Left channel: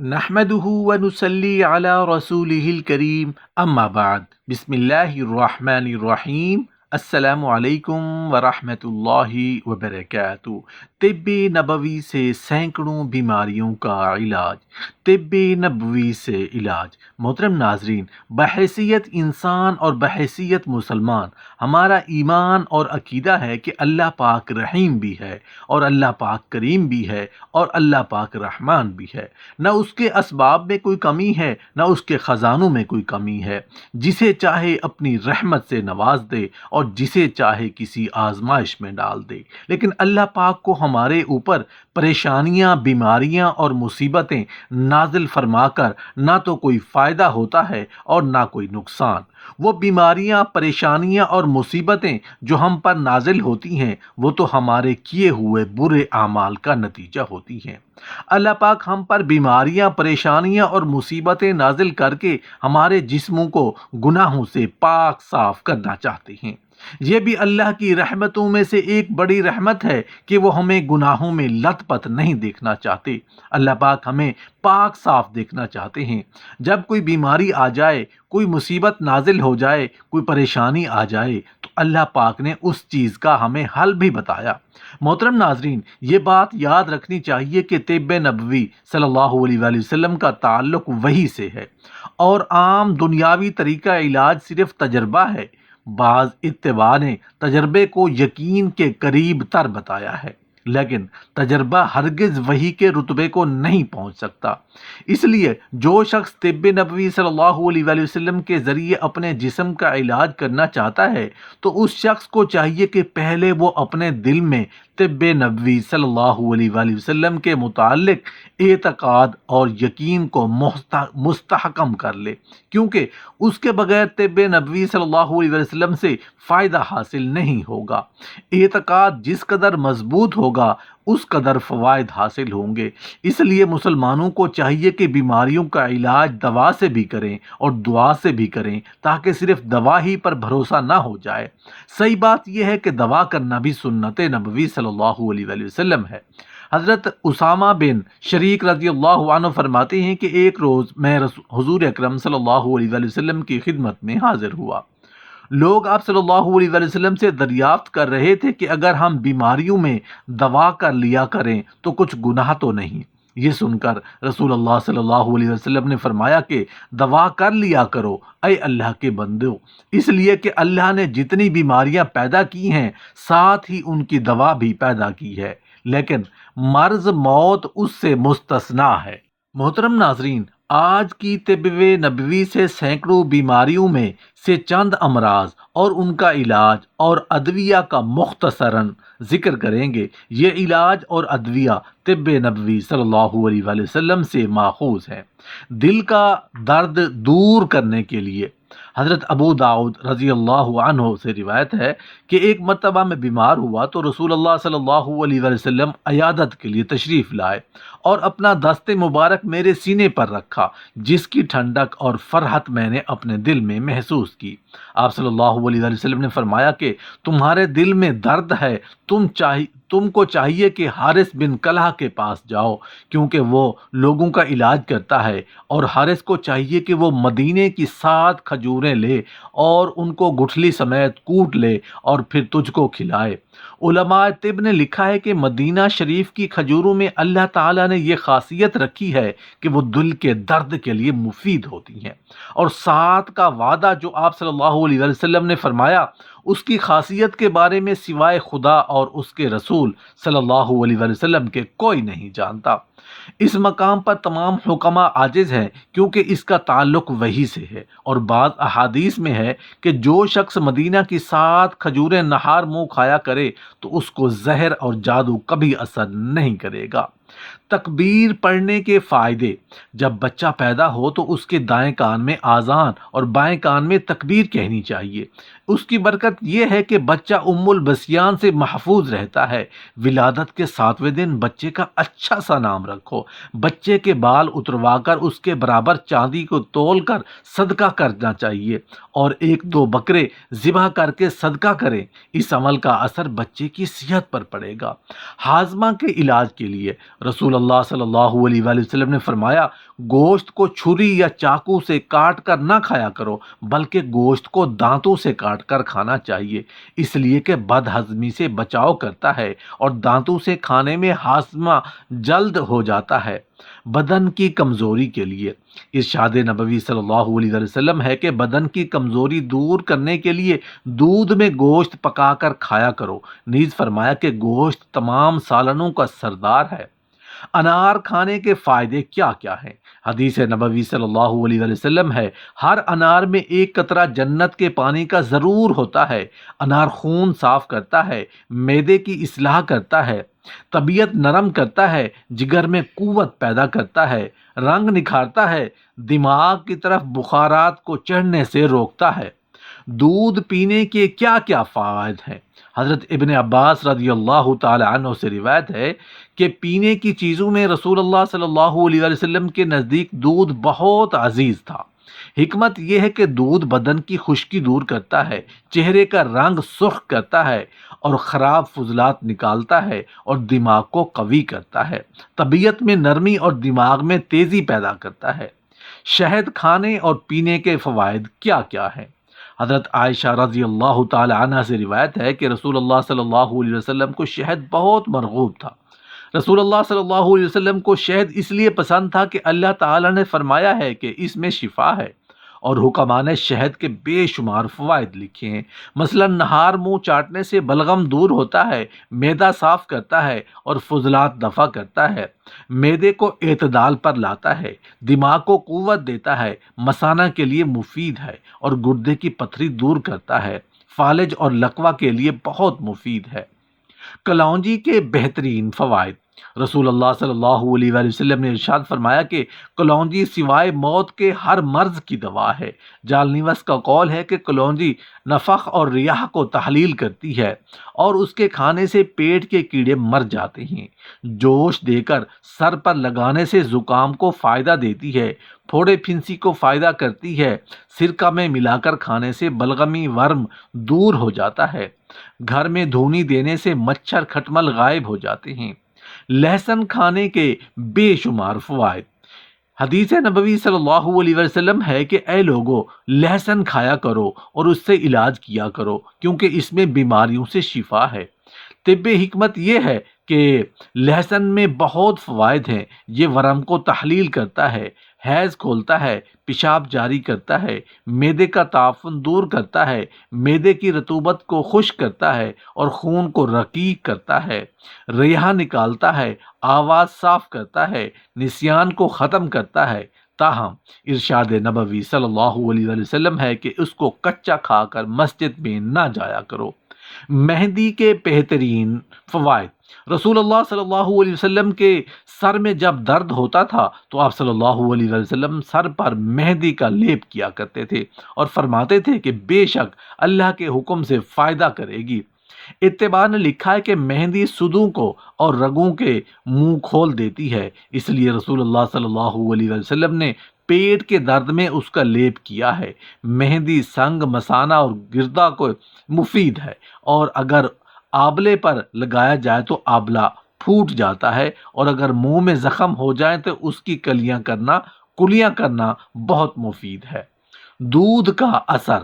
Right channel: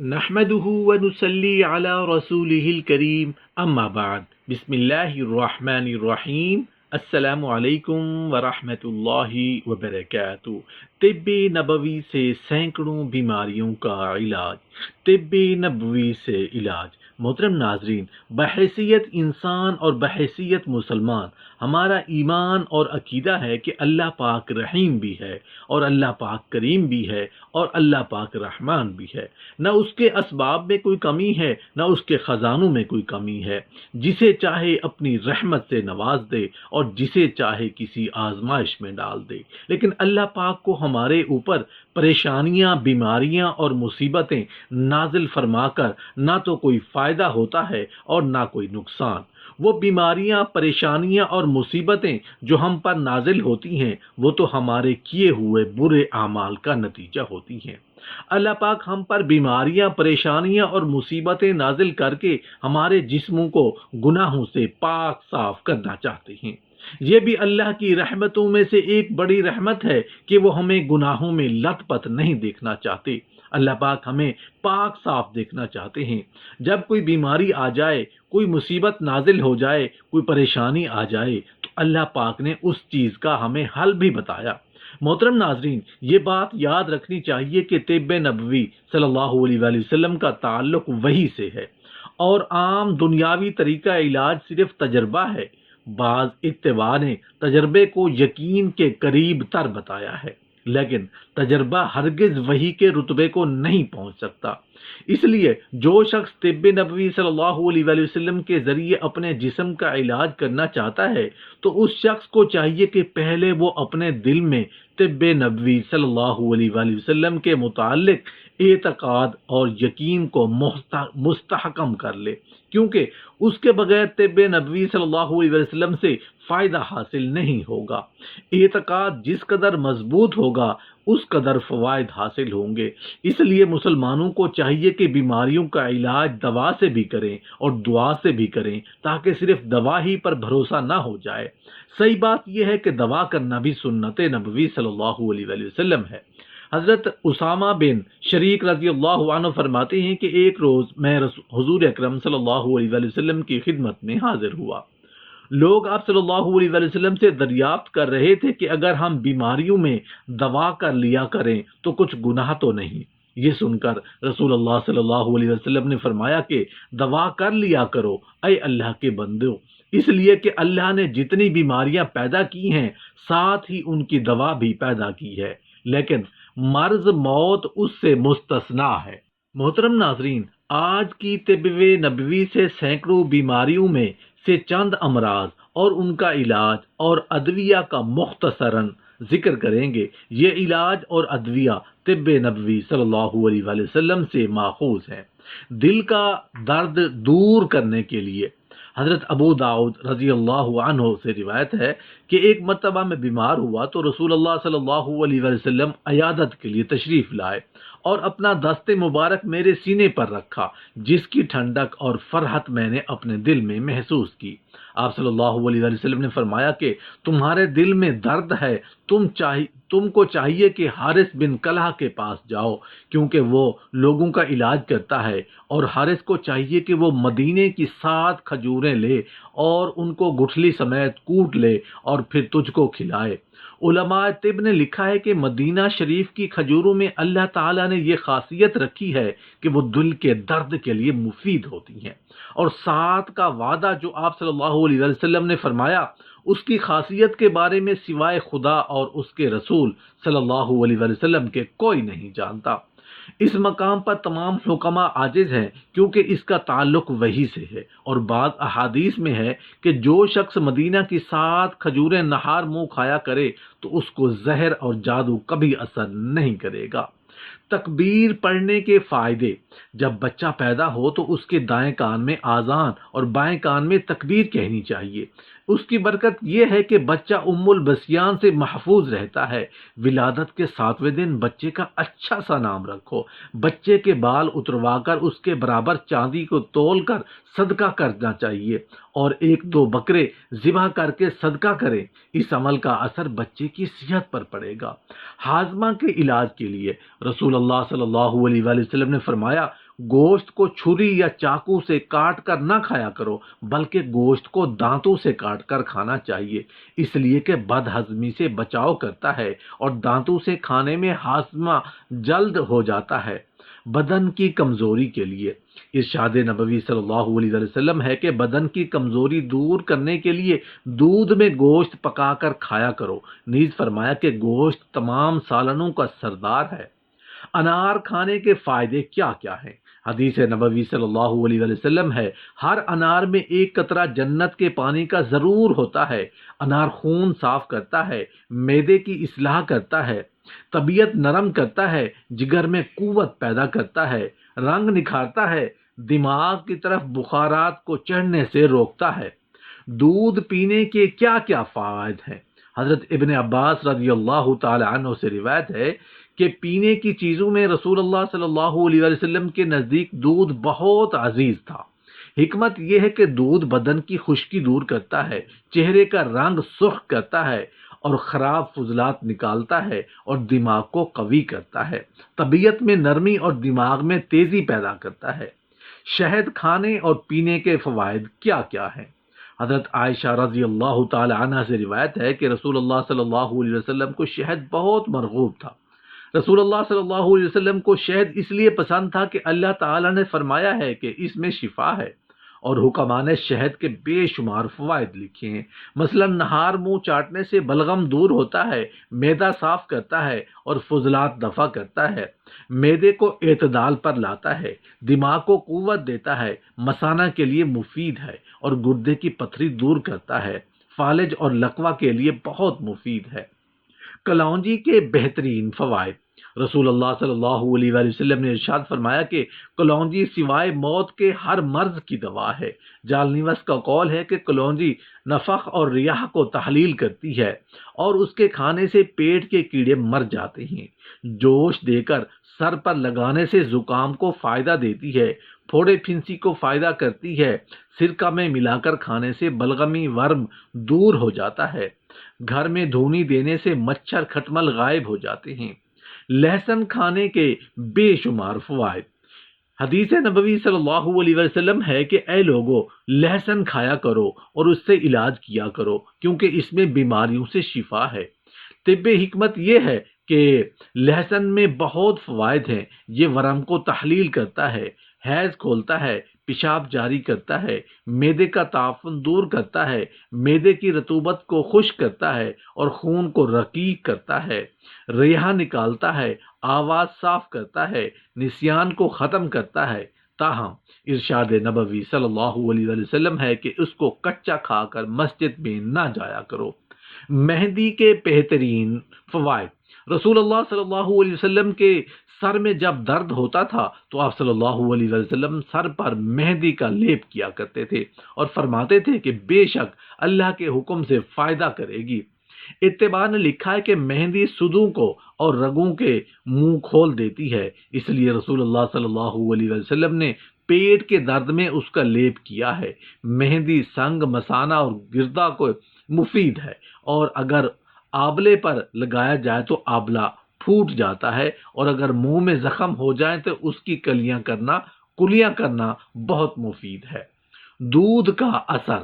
نحمده ونصلي على رسوله الكريم اما بعد بسم الله الرحمن الرحیم السلام علیکم ورحمۃ اللہ وبرکاتہ۔ طب نبوی سے سینکڑوں بیماریوں کا علاج، طب نبوی سے علاج۔ محترم ناظرین، بحیثیت انسان اور بحیثیت مسلمان ہمارا ایمان اور عقیدہ ہے کہ اللہ پاک رحیم بھی ہے اور اللہ پاک کریم بھی ہے اور اللہ پاک رحمان بھی ہے۔ نہ اس کے اسباب میں کوئی کمی ہے، نہ اس کے خزانوں میں کوئی کمی ہے۔ جسے چاہے اپنی رحمت سے نواز دے اور جسے چاہے کسی آزمائش میں ڈال دے، لیکن اللہ پاک کو ہمارے اوپر پریشانیاں، بیماریاں اور مصیبتیں نازل فرما کر نہ تو کوئی فائدہ ہوتا ہے اور نہ کوئی نقصان۔ وہ بیماریاں، پریشانیاں اور مصیبتیں جو ہم پر نازل ہوتی ہیں وہ تو ہمارے کیے ہوئے برے اعمال کا نتیجہ ہوتی ہیں۔ اللہ پاک ہم پر بیماریاں، پریشانیاں اور مصیبتیں نازل کر کے ہمارے جسموں کو گناہوں سے پاک صاف کرنا چاہتے ہیں۔ یہ بھی اللہ کی رحمتوں میں سے ایک بڑی رحمت ہے کہ وہ ہمیں گناہوں میں لت پت نہیں دیکھنا چاہتے۔ اللہ پاک ہمیں پاک صاف دیکھنا چاہتے ہیں۔ جب کوئی بیماری آ جائے، کوئی مصیبت نازل ہو جائے، کوئی پریشانی آ جائے تو اللہ پاک نے اس چیز کا ہمیں حل بھی بتایا۔ محترم ناظرین، یہ بات یاد رکھنی چاہیے کہ طب نبوی صلی اللہ علیہ وآلہ وسلم کا تعلق وحی سے ہے اور عام دنیاوی طریقہ علاج صرف تجربہ ہے۔ بعض اتباع نے تجربے کو یقین کے قریب تر بتایا ہے، لیکن تجربہ ہرگز وحی کے رتبے کو نہیں پہنچ سکتا۔ اس لیے جو شخص طب نبوی صلی اللہ علیہ وآلہ وسلم کے ذریعے اپنے جسم کا علاج کرنا چاہتا ہے تو اس شخص کو چاہیے کہ پہلے وہ اپنے دل میں طب نبوی صلی اللہ علیہ وآلہ وسلم کے متعلق اعتقاد اور یقین کو مستحکم کر لے، کیونکہ اس کے بغیر طب نبوی صلی اللہ علیہ وسلم سے فائدہ حاصل نہیں ہوگا۔ اعتقاد جس قدر مضبوط ہوگا اس قدر فوائد حاصل ہوں گے۔ اس لیے مسلمانوں کو چاہیے کہ بیماریوں کا علاج دوا سے بھی کریں اور دعا سے بھی کریں، تاکہ صرف دوا ہی پر بھروسہ نہ ہو جائے۔ صحیح بات یہ ہے کہ دوا کرنا بھی سنت نبوی صلی اللہ علیہ وآلہ وسلم ہے۔ حضرت اسامہ بن شریک رضی اللہ عنہ فرماتے ہیں کہ ایک روز میں حضور اکرم صلی اللہ علیہ وآلہ وسلم کی خدمت میں حاضر ہوا۔ لوگ آپ صلی اللہ علیہ وآلہ وسلم سے دریافت کر رہے تھے کہ اگر ہم بیماریوں میں دوا کر لیا کریں تو کچھ گناہ تو نہیں۔ یہ سن کر رسول اللہ صلی اللہ علیہ وسلم نے فرمایا کہ دوا کر لیا کرو اے اللہ کے بندو، اس لیے کہ اللہ نے جتنی بیماریاں پیدا کی ہیں ساتھ ہی ان کی دوا بھی پیدا کی ہے، لیکن مرض موت اس سے مستثنا ہے۔ محترم ناظرین، آج کی طب نبوی سے سینکڑوں بیماریوں میں سے چند امراض اور ان کا علاج اور ادویہ کا مختصراً ذکر کریں گے۔ یہ علاج اور ادویہ طب نبوی صلی اللہ علیہ وآلہ وسلم سے ماخوذ ہیں۔ دل کا درد دور کرنے کے لیے حضرت ابو داؤد رضی اللہ عنہ سے روایت ہے کہ ایک مرتبہ میں بیمار ہوا تو رسول اللہ صلی اللہ علیہ وآلہ وسلم عیادت کے لیے تشریف لائے اور اپنا دست مبارک میرے سینے پر رکھا، جس کی ٹھنڈک اور فرحت میں نے اپنے دل میں محسوس کی۔ آپ صلی اللہ علیہ وآلہ وسلم نے فرمایا کہ تمہارے دل میں درد ہے، تم کو چاہیے کہ حارث بن کلہہ کے پاس جاؤ، کیونکہ وہ لوگوں کا علاج کرتا ہے، اور حارث کو چاہیے کہ وہ مدینے کی 7 کھجوریں لے اور ان کو گٹھلی سمیت کوٹ لے اور پھر تجھ کو کھلائے۔ علماء طب نے لکھا ہے کہ مدینہ شریف کی کھجوروں میں اللہ تعالیٰ نے یہ خاصیت رکھی ہے کہ وہ دل کے درد کے لیے مفید ہوتی ہیں، اور 7 کا وعدہ جو آپ صلی اللہ علیہ وسلم نے فرمایا اس کی خاصیت کے بارے میں سوائے خدا اور اس کے رسول صلی اللہ علیہ وسلم کے کوئی نہیں جانتا۔ اس مقام پر تمام حکماء عاجز ہیں کیونکہ اس کا تعلق وحی سے ہے، اور بعض احادیث میں ہے کہ جو شخص مدینہ کی 7 کھجوریں نہار منہ کھایا کرے تو اس کو زہر اور جادو کبھی اثر نہیں کرے گا۔ تکبیر پڑھنے کے فائدے۔ جب بچہ پیدا ہو تو اس کے دائیں کان میں آذان اور بائیں کان میں تکبیر کہنی چاہیے۔ اس کی برکت یہ ہے کہ بچہ البسیان سے محفوظ رہتا ہے۔ ولادت کے 7ویں دن بچے کا اچھا سا نام رکھو۔ بچے کے بال اتروا کر اس کے برابر چاندی کو تول کر صدقہ کرنا چاہیے، اور 1-2 بکرے ذبح کر کے صدقہ کریں۔ اس عمل کا اثر بچے کی صحت پر پڑے گا۔ ہاضمہ کے علاج کے لیے رسول اللہ صلی اللہ علیہ وآلہ وسلم نے فرمایا، گوشت کو چھری یا چاقو سے کاٹ کر نہ کھایا کرو، بلکہ گوشت کو دانتوں سے کاٹ کر کھانا چاہیے، اس لیے کہ بد ہضمی سے بچاؤ کرتا ہے اور دانتوں سے کھانے میں ہاضمہ جلد ہو جاتا ہے۔ بدن کی کمزوری کے لیے ارشاد نبوی صلی اللہ علیہ وسلم ہے کہ بدن کی کمزوری دور کرنے کے لیے دودھ میں گوشت پکا کر کھایا کرو۔ نیز فرمایا کہ گوشت تمام سالنوں کا سردار ہے۔ انار کھانے کے فائدے کیا کیا ہیں؟ حدیث نبوی صلی اللہ علیہ وسلم ہے، ہر انار میں 1 قطرہ جنت کے پانی کا ضرور ہوتا ہے۔ انار خون صاف کرتا ہے، معدے کی اصلاح کرتا ہے، طبیعت نرم کرتا ہے، جگر میں قوت پیدا کرتا ہے، رنگ نکھارتا ہے، دماغ کی طرف بخارات کو چڑھنے سے روکتا ہے۔ دودھ پینے کے کیا کیا فوائد ہیں؟ حضرت ابن عباس رضی اللہ تعالی عنہ سے روایت ہے کہ پینے کی چیزوں میں رسول اللہ صلی اللہ علیہ وسلم کے نزدیک دودھ بہت عزیز تھا۔ حکمت یہ ہے کہ دودھ بدن کی خشکی دور کرتا ہے، چہرے کا رنگ سرخ کرتا ہے اور خراب فضلات نکالتا ہے، اور دماغ کو قوی کرتا ہے، طبیعت میں نرمی اور دماغ میں تیزی پیدا کرتا ہے۔ شہد کھانے اور پینے کے فوائد کیا کیا ہیں؟ حضرت عائشہ رضی اللہ تعالی عنہ سے روایت ہے کہ رسول اللہ صلی اللہ علیہ وسلم کو شہد بہت مرغوب تھا۔ رسول اللہ صلی اللہ علیہ وسلم کو شہد اس لیے پسند تھا کہ اللہ تعالی نے فرمایا ہے کہ اس میں شفا ہے، اور حکماء نے شہد کے بے شمار فوائد لکھے ہیں۔ مثلا نہار منہ چاٹنے سے بلغم دور ہوتا ہے، معدہ صاف کرتا ہے اور فضلات دفع کرتا ہے، معدے کو اعتدال پر لاتا ہے، دماغ کو قوت دیتا ہے، مثانہ کے لیے مفید ہے اور گردے کی پتھری دور کرتا ہے، فالج اور لقوہ کے لیے بہت مفید ہے۔ کلونجی کے بہترین فوائد۔ رسول اللہ صلی اللہ علیہ وآلہ وسلم نے ارشاد فرمایا کہ کلونجی سوائے موت کے ہر مرض کی دوا ہے۔ جالنیوس کا قول ہے کہ کلونجی نفخ اور ریاح کو تحلیل کرتی ہے، اور اس کے کھانے سے پیٹ کے کیڑے مر جاتے ہیں۔ جوش دے کر سر پر لگانے سے زکام کو فائدہ دیتی ہے، پھوڑے پھنسی کو فائدہ کرتی ہے، سرکہ میں ملا کر کھانے سے بلغمی ورم دور ہو جاتا ہے، گھر میں دھونی دینے سے مچھر کھٹمل غائب ہو جاتے ہیں۔ لہسن کھانے کے بے شمار فوائد۔ حدیث نبوی صلی اللہ علیہ وسلم ہے کہ اے لوگو، لہسن کھایا کرو اور اس سے علاج کیا کرو، کیونکہ اس میں بیماریوں سے شفا ہے۔ طب حکمت یہ ہے کہ لہسن میں بہت فوائد ہیں۔ یہ ورم کو تحلیل کرتا ہے، حیض کھولتا ہے، پیشاب جاری کرتا ہے، معدے کا تعفن دور کرتا ہے، معدے کی رطوبت کو خشک کرتا ہے اور خون کو رقیق کرتا ہے، ریحہ نکالتا ہے، آواز صاف کرتا ہے، نسیان کو ختم کرتا ہے۔ تاہم ارشاد نبوی صلی اللہ علیہ وآلہ وسلم ہے کہ اس کو کچا کھا کر مسجد میں نہ جایا کرو۔ مہندی کے بہترین فوائد۔ رسول اللہ صلی اللہ علیہ وسلم کے سر میں جب درد ہوتا تھا تو آپ صلی اللہ علیہ وسلم سر پر مہندی کا لیپ کیا کرتے تھے اور فرماتے تھے کہ بے شک اللہ کے حکم سے فائدہ کرے گی۔ اتباع نے لکھا ہے کہ مہندی سدوں کو اور رگوں کے منہ کھول دیتی ہے، اس لیے رسول اللہ صلی اللہ علیہ وسلم نے پیٹ کے درد میں اس کا لیپ کیا ہے۔ مہندی سنگ، مثانہ اور گردہ کو مفید ہے، اور اگر آبلے پر لگایا جائے تو آبلہ پھوٹ جاتا ہے، اور اگر منہ میں زخم ہو جائے تو اس کی کلیاں کرنا بہت مفید ہے۔ دودھ کا اثر۔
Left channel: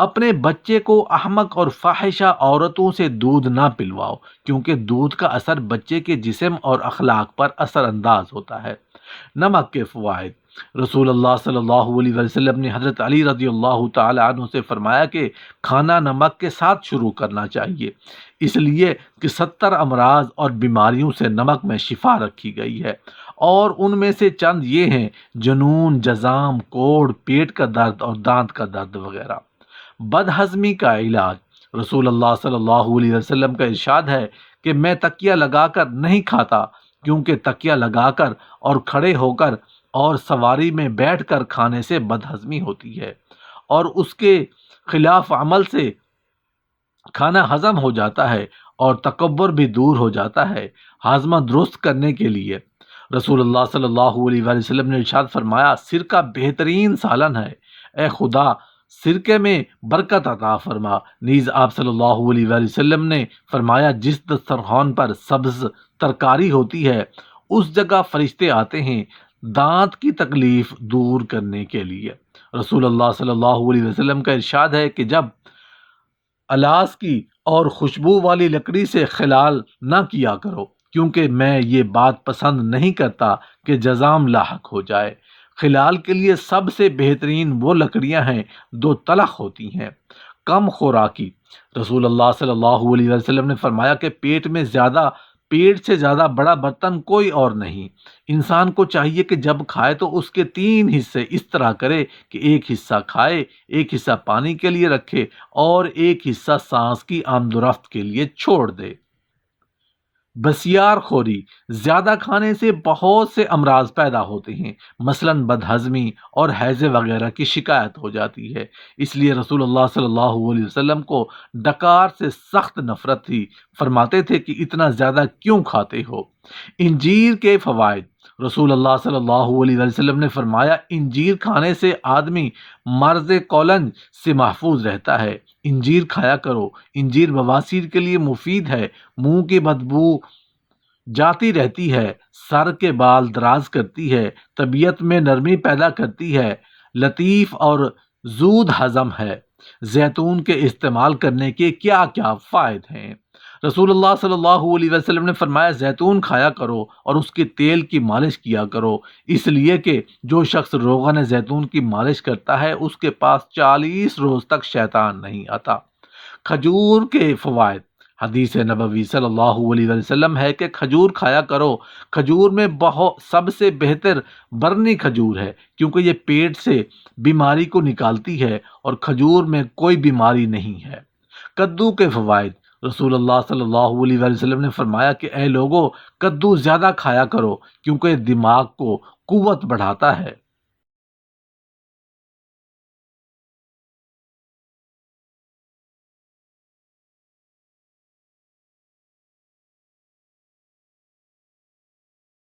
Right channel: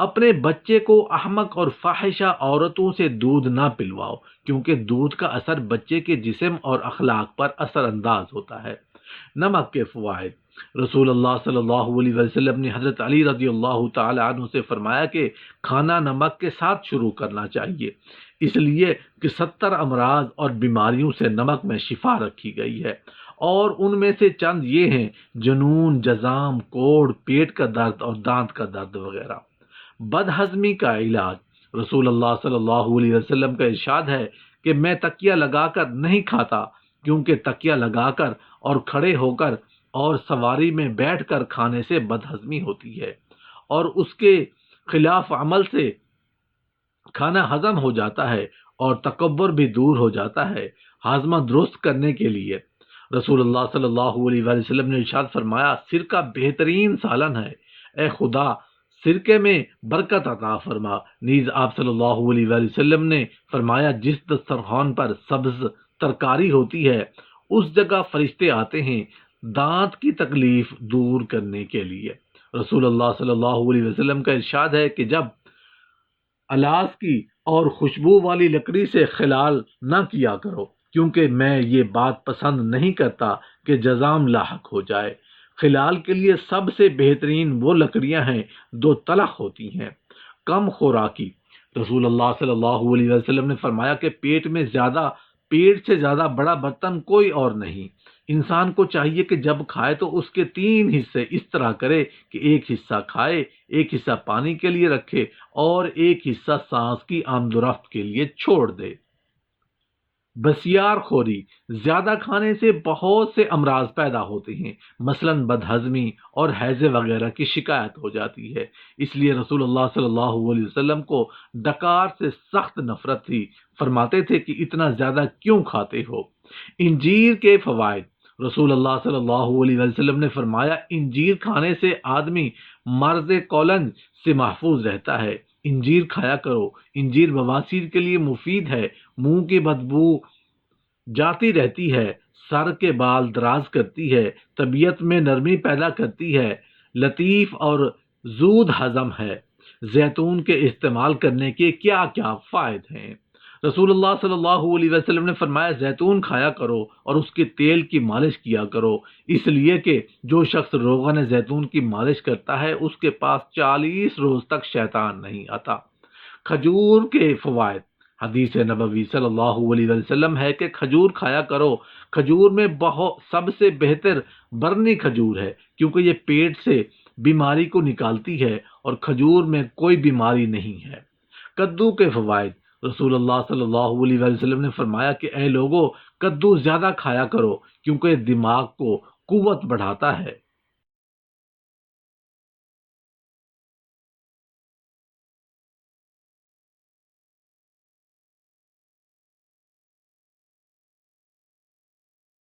اپنے بچے کو احمق اور فاحشہ عورتوں سے دودھ نہ پلواؤ، کیونکہ دودھ کا اثر بچے کے جسم اور اخلاق پر اثر انداز ہوتا ہے۔ نمک کے فوائد۔ رسول اللہ صلی اللہ علیہ وسلم نے حضرت علی رضی اللہ تعالی عنہ سے فرمایا کہ کھانا نمک کے ساتھ شروع کرنا چاہیے، اس لیے کہ 70 امراض اور بیماریوں سے نمک میں شفا رکھی گئی ہے، اور ان میں سے چند یہ ہیں: جنون، جزام، کوڑ، پیٹ کا درد اور دانت کا درد وغیرہ۔ بد ہضمی کا علاج۔ رسول اللہ صلی اللہ علیہ وسلم کا ارشاد ہے کہ میں تکیہ لگا کر نہیں کھاتا، کیونکہ تکیہ لگا کر اور کھڑے ہو کر اور سواری میں بیٹھ کر کھانے سے بد ہضمی ہوتی ہے، اور اس کے خلاف عمل سے کھانا ہضم ہو جاتا ہے اور تکبر بھی دور ہو جاتا ہے۔ ہاضمہ درست کرنے کے لیے رسول اللہ صلی اللہ علیہ وآلہ وسلم نے ارشاد فرمایا، سرکہ بہترین سالن ہے، اے خدا سرکے میں برکت عطا فرما۔ نیز آپ صلی اللہ علیہ وآلہ وسلم نے فرمایا، جس دسترخوان پر سبز ترکاری ہوتی ہے اس جگہ فرشتے آتے ہیں دانت کی تکلیف دور کرنے کے لیے۔ رسول اللہ صلی اللہ علیہ وسلم کا ارشاد ہے کہ جب الاس کی اور خوشبو والی لکڑی سے خلال نہ کیا کرو، کیونکہ میں یہ بات پسند نہیں کرتا کہ جزام لاحق ہو جائے۔ خلال کے لیے سب سے بہترین وہ لکڑیاں ہیں جو تلخ ہوتی ہیں۔ کم خوراکی رسول اللہ صلی اللہ علیہ وسلم نے فرمایا کہ پیٹ سے زیادہ بڑا برتن کوئی اور نہیں۔ انسان کو چاہیے کہ جب کھائے تو اس کے 3 حصے اس طرح کرے کہ ایک حصہ کھائے، ایک حصہ پانی کے لیے رکھے اور ایک حصہ سانس کی آمد و رفت کے لیے چھوڑ دے۔ بسیار خوری زیادہ کھانے سے بہت سے امراض پیدا ہوتے ہیں، مثلاً بدہضمی اور ہیضے وغیرہ کی شکایت ہو جاتی ہے۔ اس لیے رسول اللہ صلی اللہ علیہ وسلم کو ڈکار سے سخت نفرت تھی، فرماتے تھے کہ اتنا زیادہ کیوں کھاتے ہو۔ انجیر کے فوائد رسول اللہ صلی اللہ علیہ وسلم نے فرمایا، انجیر کھانے سے آدمی مرض کولنج سے محفوظ رہتا ہے۔ انجیر کھایا کرو، انجیر بواسیر کے لیے مفید ہے، منہ کی بدبو جاتی رہتی ہے، سر کے بال دراز کرتی ہے، طبیعت میں نرمی پیدا کرتی ہے، لطیف اور زود ہضم ہے۔ زیتون کے استعمال کرنے کے کیا کیا فائدے ہیں؟ رسول اللہ صلی اللہ علیہ وسلم نے فرمایا، زیتون کھایا کرو اور اس کے تیل کی مالش کیا کرو، اس لیے کہ جو شخص روغن زیتون کی مالش کرتا ہے اس کے پاس 40 روز تک شیطان نہیں آتا۔ کھجور کے فوائد حدیث نبوی صلی اللہ علیہ وسلم ہے کہ کھجور کھایا کرو۔ کھجور میں سب سے بہتر برنی کھجور ہے، کیونکہ یہ پیٹ سے بیماری کو نکالتی ہے اور کھجور میں کوئی بیماری نہیں ہے۔ کدو کے فوائد رسول اللہ صلی اللہ علیہ وسلم نے فرمایا کہ اے لوگو، کدو زیادہ کھایا کرو، کیونکہ دماغ کو قوت بڑھاتا ہے۔